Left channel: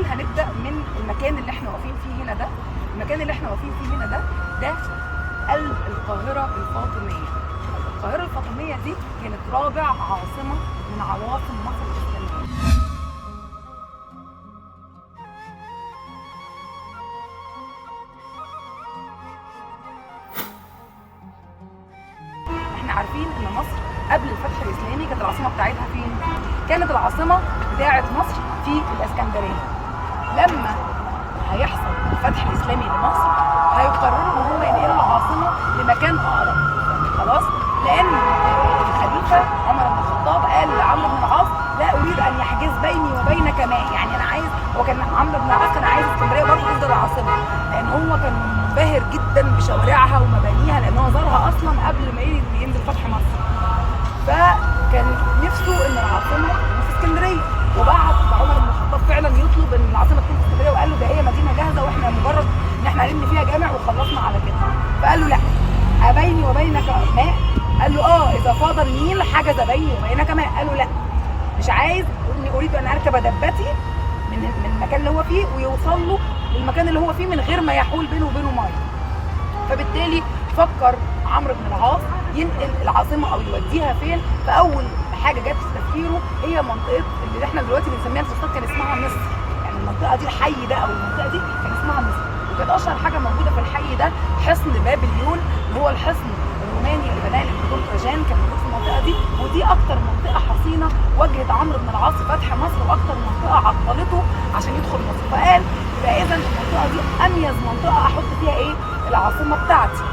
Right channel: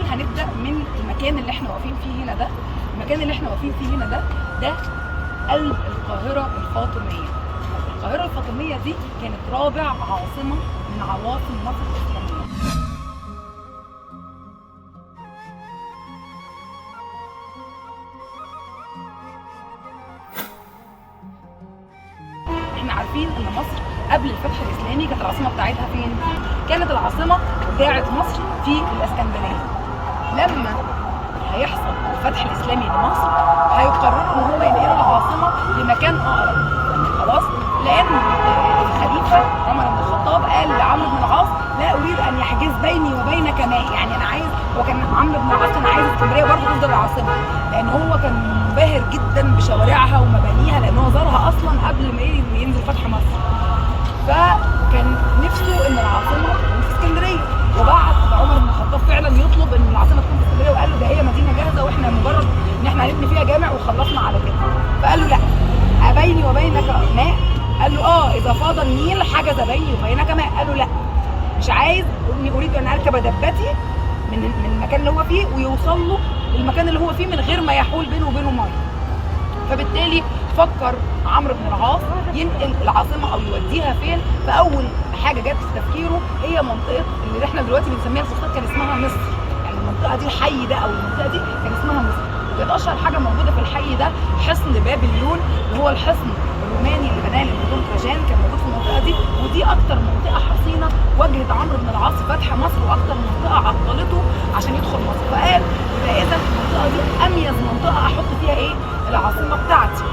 الاول هنبدا من المكان اللي احنا واقفين فيه هنا ده. المكان اللي احنا واقفين فيه هنا ده قلب القاهره الفاطميه. القاهره الفاطميه دي كانت رابع عاصمه من عواصم مصر الاسلاميه. احنا عارفين ان مصر قبل الفتح الاسلامي كانت العاصمه بتاعتها فين؟ كانت العاصمه بتاعت مصر في الاسكندريه. لما هيحصل الفتح الاسلامي لمصر هيقرر ان هو ينقل العاصمه لمكان اقرب، خلاص؟ لان الخليفه عمر بن الخطاب قال لعمرو بن العاص لا اريد ان يحجز بيني وبينك ماء، يعني انا عايز، هو كان عمرو بن العاص كان عايز اسكندريه برضه تفضل العاصمه، لان هو كان منبهر جدا بشوارعها ومبانيها، لان هو زارها اصلا قبل ما ينزل فتح مصر. فكان نفسه ان العاصمه تكون في اسكندريه، وبعت عمر بن الخطاب فعلا يطلب ان العاصمه تكون في اسكندريه، وقال له ده هي مدينه جاهزه واحنا مجرد ان احنا هنبني فيها جامع وخلصنا على كده. فقال له لا، ابيني وبينك ماء؟ قال له اذا فاض النيل حجز بيني وبينك ماء. قال له لا، مش عايز، اني اريد ان اركب دبتي من المكان اللي هو فيه ويوصل له المكان اللي هو فيه من غير ما يحول بينه وبينه ميه. فبالتالي فكر عمرو بن العاص ينقل العاصمه او يوديها فين. فاول حاجه جت في تفكيره هي منطقه اللي احنا دلوقتي بنسميها الفسطاط، كان اسمها مصر. يعني المنطقه دي، الحي ده او المنطقه دي كان اسمها مصر. وكانت اشهر حاجه موجوده في الحي ده حصن بابليون، وهو الحصن الروماني اللي بناه الامبراطور تراجان، كان موجود في المنطقه دي. ودي اكتر منطقه حصينه واجهت عمرو بن العاص فتح مصر، واكتر منطقه عطلته عشان يدخل مصر. فقال فاذا المنطقه دي اميز منطقه احط فيها ايه؟ العاصمه بتاعتي.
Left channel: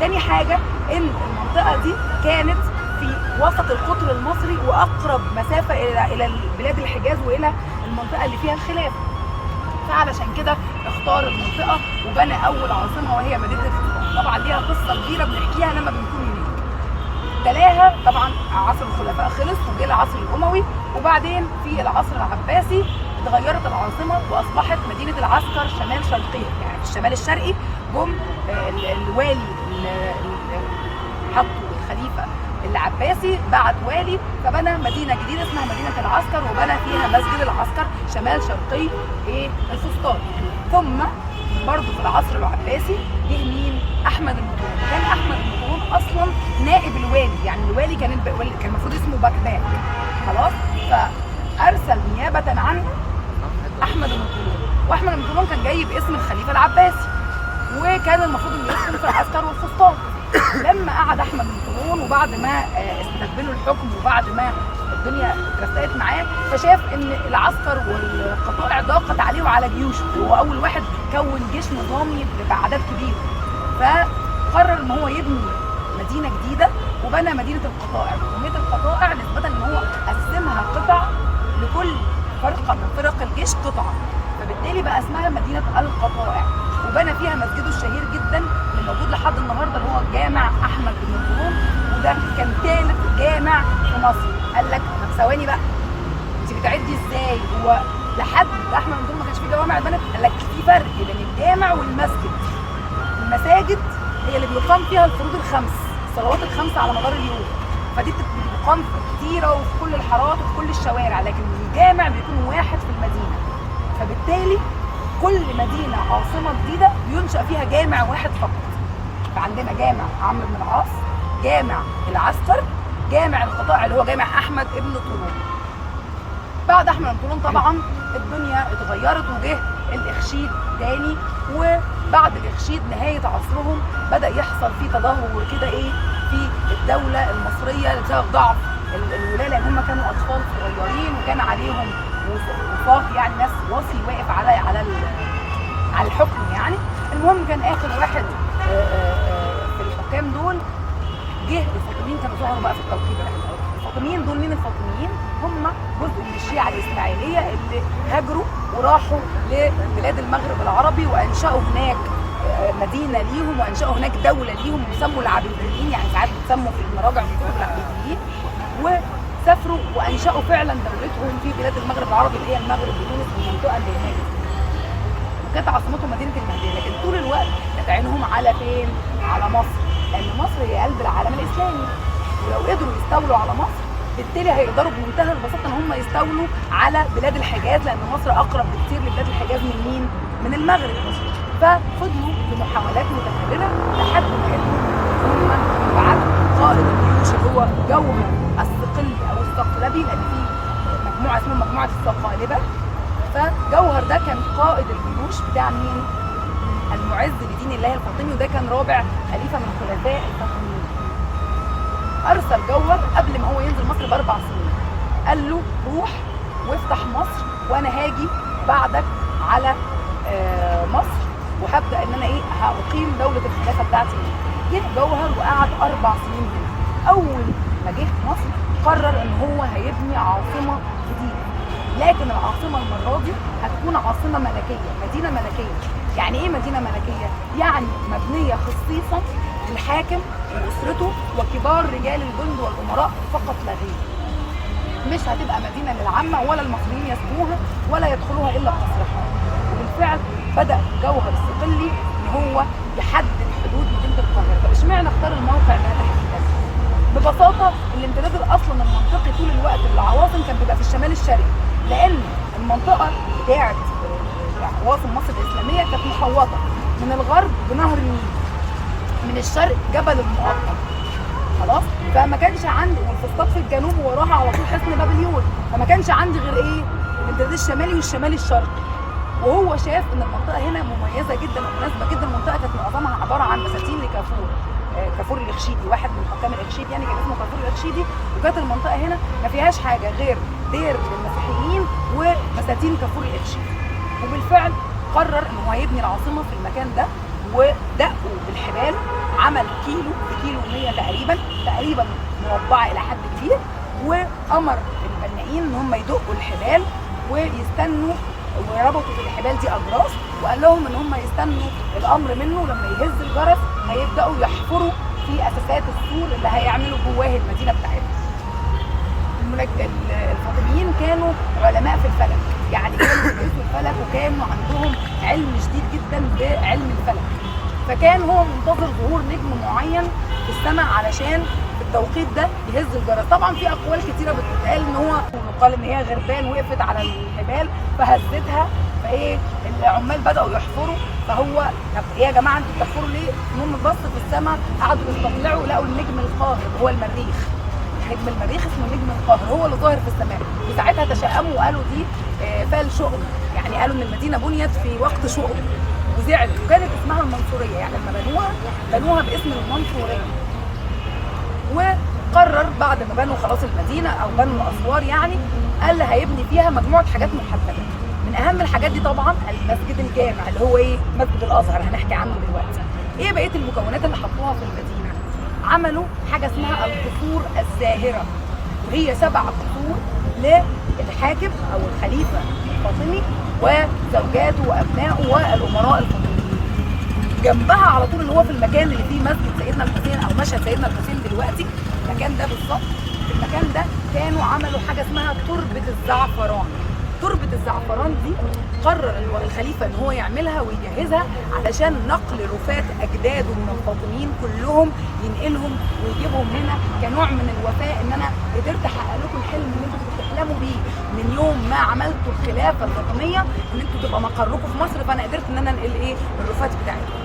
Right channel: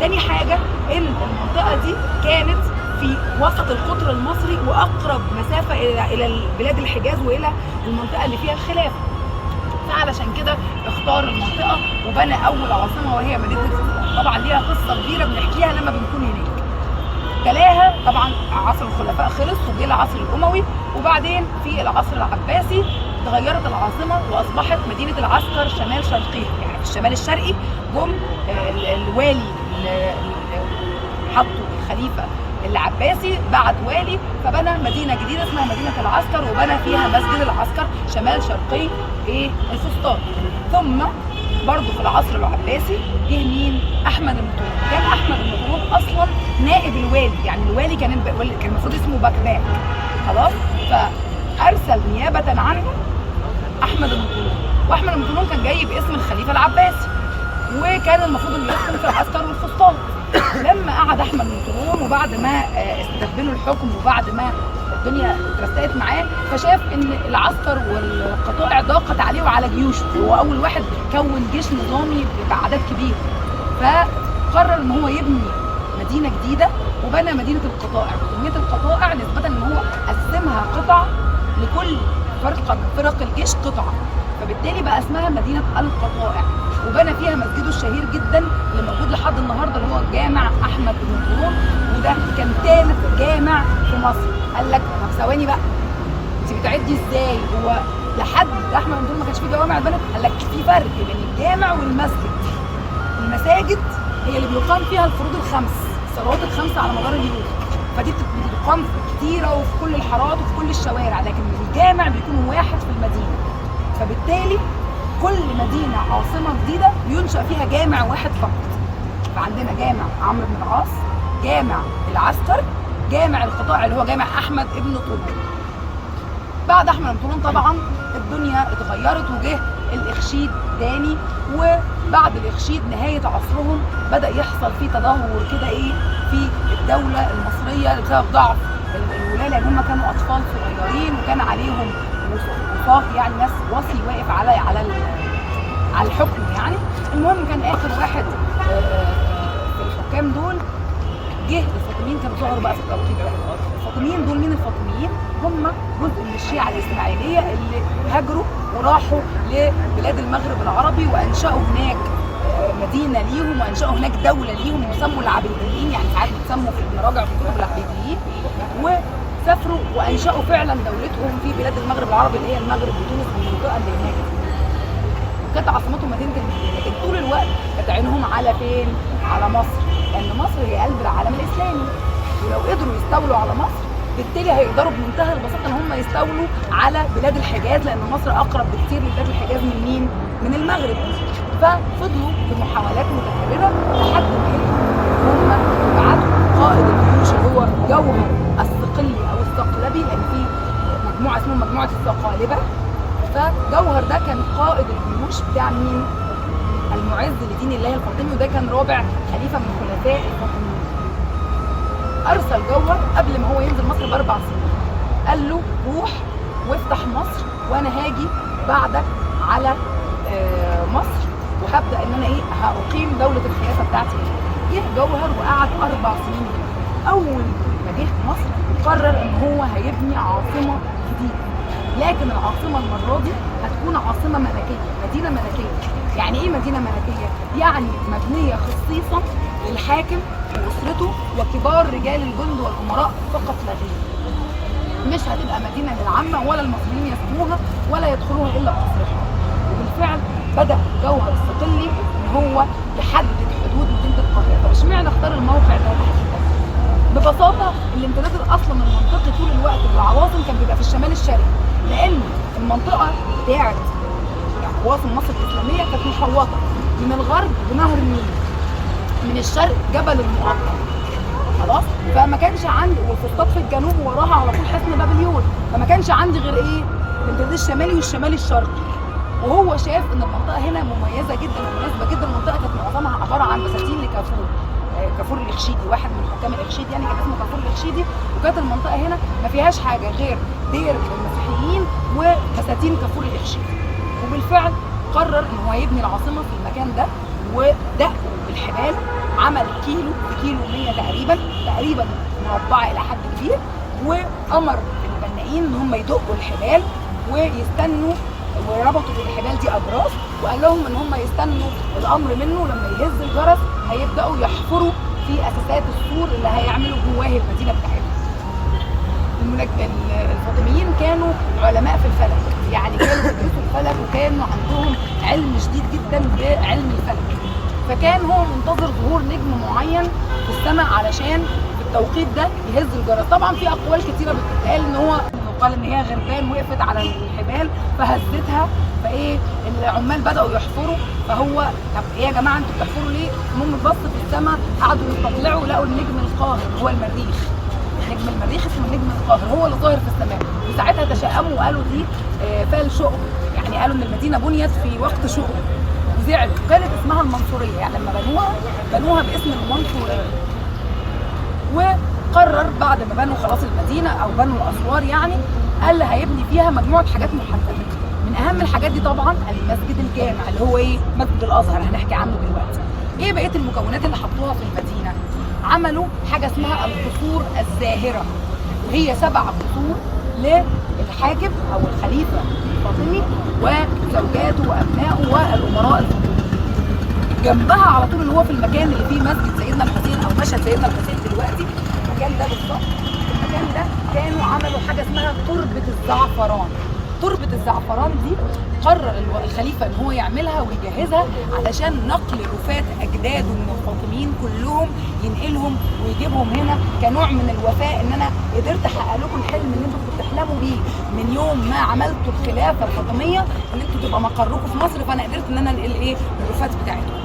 تاني حاجه ان المنطقه دي كانت في وسط القطر المصري واقرب مسافه الى بلاد الحجاز والى المنطقه اللي فيها الخلافه. فعلشان كده اختار المنطقه وبنى اول عاصمه وهي مدينه الفسطاط. طبعا ليها قصه كبيره بنحكيها لما بنكون هناك. تلاها طبعا عصر الخلفاء خلص وجه العصر الاموي، وبعدين في العصر العباسي اتغيرت العاصمه واصبحت مدينه العسكر شمال شرقيها، يعني في الشمال الشرقي جم الوالي حطوا الخليفه العباسي بعت والي، فبنى مدينه جديده اسمها مدينه العسكر، وبنى فيها مسجد العسكر شمال شرقي الفسطاط. ثم برضه في العصر العباسي جه مين؟ احمد بن طولون. كان احمد بن طولون اصلا نائب الوالي، يعني الوالي كان المفروض اسمه بكباك، خلاص؟ فارسل نيابه عنه احمد بن طولون، واحمد بن طولون كان جاي باسم الخليفه العباسي، وكان المفروض انه يحكم في العسكر والفسطاط. لما قعد احمد بن طولون وبعد ما استتبنوا الحكم وبعد ما الدنيا اترستقت معاه، فشاف ان العسكر والقطاع ضاقت عليه وعلى جيوشه، وهو اول واحد كون جيش نظامي باعداد كبيره. فقرر ان هو يبني مدينه جديده وبنى مدينه القطائع. سميت القطائع نسبه ان هو قسمها قطع، لكل فرقه من فرق الجيش قطعه، فبالتالي بقى اسمها مدينه القطائع. وبنى فيها مسجده الشهير جدا اللي موجود لحد النهارده، اللي هو جامع احمد بن طولون، وده كان ثالث جامع في مصر. قال لك طب ثواني بقى، انت بتعدي ازاي؟ هو لحد احمد بن طولون ما كانش فيه جوامع اتبنت؟ قال لك في فرق بين الجامع والمسجد. المساجد هي اللي بيقام فيها الفروض الخمس، الصلوات الخمسه على مدار اليوم، فدي بتقام كتيره وفي كل الحارات وفي كل الشوارع، لكن الجامع بيكون واحد في المدينه. فبالتالي كل مدينه عاصمه جديده بينشأ فيها جامع واحد فقط. فعندنا جامع عمرو بن العاص، جامع العسكر، جامع القطائع اللي هو جامع احمد ابن طولون. بعد احمد بن طولون طبعا الدنيا اتغيرت وجه الاخشيد تاني، وبعد الاخشيد نهايه عصرهم بدا يحصل في تدهور كده في الدوله المصريه بسبب ضعف الولاة، لان هم كانوا اطفال صغيرين وكان عليهم وصاف، يعني ناس وصي واقف على الحكم يعني. المهم كان اخر واحد في الحكام دول جه الفاطميين، كانوا ظهروا بقى في التوقيت ده. الفاطميين دول مين؟ الفاطميين هم جزء من الشيعة الإسماعيلية اللي هاجروا وراحوا لبلاد المغرب العربي وأنشأوا هناك مدينة ليهم، وأنشأوا هناك دولة ليهم يسموا العبيديين، يعني ساعات بيسموا في المراجع في الكتب العبيديين. وسافروا وأنشأوا فعلا دولتهم في بلاد المغرب العربي اللي هي المغرب وتونس والمنطقة اللي هناك. وكانت عاصمتهم مدينة المهدية، لكن طول الوقت كانت عينهم على فين؟ على مصر، لأن مصر هي قلب العالم الإسلامي، ولو قدروا يستولوا على مصر بالتالي هيقدروا بمنتهى البساطه ان هم يستولوا على بلاد الحجاز، لان مصر اقرب بكتير لبلاد الحجاز من مين؟ من المغرب. ففضلوا بمحاولات متكرره لحد ما هم بعتوا قائد الجيوش اللي هو جوهر الصقلي او الصقلبي، لان في مجموعه اسمها مجموعه الصقالبه. فجوهر ده كان قائد الجيوش بتاع مين؟ المعز لدين الله الفاطمي، وده كان رابع خليفه من الخلفاء الفاطميين. ارسل جوهر قبل ما هو ينزل مصر ب4 سنين، قال له روح وافتح مصر وانا هاجي بعدك على مصر، وهبدا ان انا هقيم دوله الخلافه بتاعتي. جه جوهر وقعد 4 سنين هنا. اول ما جه مصر قرر ان هو هيبني عاصمه جديده، لكن العاصمه المره دي هتكون عاصمه ملكيه، مدينه ملكيه. يعني ايه مدينه ملكيه؟ يعني مبنيه خصيصا للحاكم واسرته وكبار رجال الجند والامراء فقط لا غير. مش هتبقى مدينه للعامه ولا المصريين يسكنوها ولا يدخلوها الا بتصريحها. وبالفعل بدا جوهر الصقلي ان هو يحدد حدود مدينه القاهره. طب اشمعنى اختار الموقع ده تحديدا؟ ببساطه الامتداد الاصلا المنطقي طول الوقت للعواصم كان بيبقى في الشمال الشرقي، لان المنطقه بتاعت عواصم مصر الاسلاميه كانت محوطه من الغرب بنهر النيل، من الشرق جبل المقطم، خلاص. فما كانش عندي وفسطاط في الجنوب وراها على طول حصن بابليون، فما كانش عندي غير الامتداد الشمالي والشمالي الشرقي. وهو شاف ان المنطقه هنا مميزه جدا ومناسبه جدا. المنطقه كانت معظمها عباره عن بساتين لكافور، كافور الإخشيدي، واحد من حكام الإخشيدي يعني كان اسمه كافور الإخشيدي. وكانت المنطقه هنا ما فيهاش حاجه غير دير للمسيحيين وبساتين كافور الإخشيدي. وبالفعل قرر ان هو يبني العاصمه في المكان ده، ودقوا بالحبال، عمل كيلو 100 تقريبا مربعه الى حد كبير، وامر البنائين ان هم يدقوا الحبال ويستنوا، وربطوا في الحبال دي اجراس، وقال لهم ان هم يستنوا الامر منه. لما يهز الجرس هيبداوا يحفروا في اساسات السور اللي هيعملوا جواه المدينه بتاعتهم. الفاطميين كانوا علماء في الفلك، يعني كانوا بيدرسوا الفلك وكانوا عندهم علم شديد جدا بعلم الفلك. فكان هو منتظر ظهور نجم معين في السماء علشان في التوقيت ده يهز الجرس. طبعا في اقوال كتيره بتتقال ان هو قال ان هي غربان وقفت على الحبال فهزتها، العمال بداوا يحفروا. فهو طب ايه يا جماعه انتوا بتحفروا ليه؟ المهم بص في السماء، قعدوا يطلعوا لقوا النجم القاهر هو المريخ. نجم المريخ اسمه النجم القاهر، هو اللي ظاهر في السماء. وساعتها تشائموا وقالوا دي فال شؤم، يعني قالوا ان المدينه بنيت في وقت شؤم وزعلوا. وكانت اسمها المنصوريه، يعني لما بنوها باسم المنصوريه. وقرر بعد ما بنوا خلاص المدينه او بنوا اسوار، يعني قال هيبني فيها مجموعه حاجات محدده. من اهم الحاجات دي طبعا المسجد الجامع اللي هو مسجد الازهر، هنحكي عنه دلوقتي. ايه بقيه المكونات اللي حطوها في المدينه؟ عملوا حاجه اسمها القصور الزاهره، وهي 7 قصور للحاكم او الخليفه الفاطمي وزوجاته وابنائه والامراء الفاطميين. جنبها على طول اللي هو في المكان اللي فيه مسجد سيدنا الحسين او مشهد سيدنا الحسين دلوقتي، المكان ده بالظبط. في المكان ده كانوا عملوا حاجه اسمها تربه الزعفران. تربه الزعفران دي قرر الخليفه ان هو يعملها ويجهزها علشان نقل رفات اجداده من الفاطميين كلهم، ينقلهم ويجيبهم هنا كنوع من الوفاء، ان انا قدرت احقق لكم الحلم اللي انتم بتحلموا بيه من يوم ما عملتوا الخلافه الفاطميه، ان انتم تبقى مقركم في مصر، فانا قدرت ان انا انقل الرفات بتاعتكم.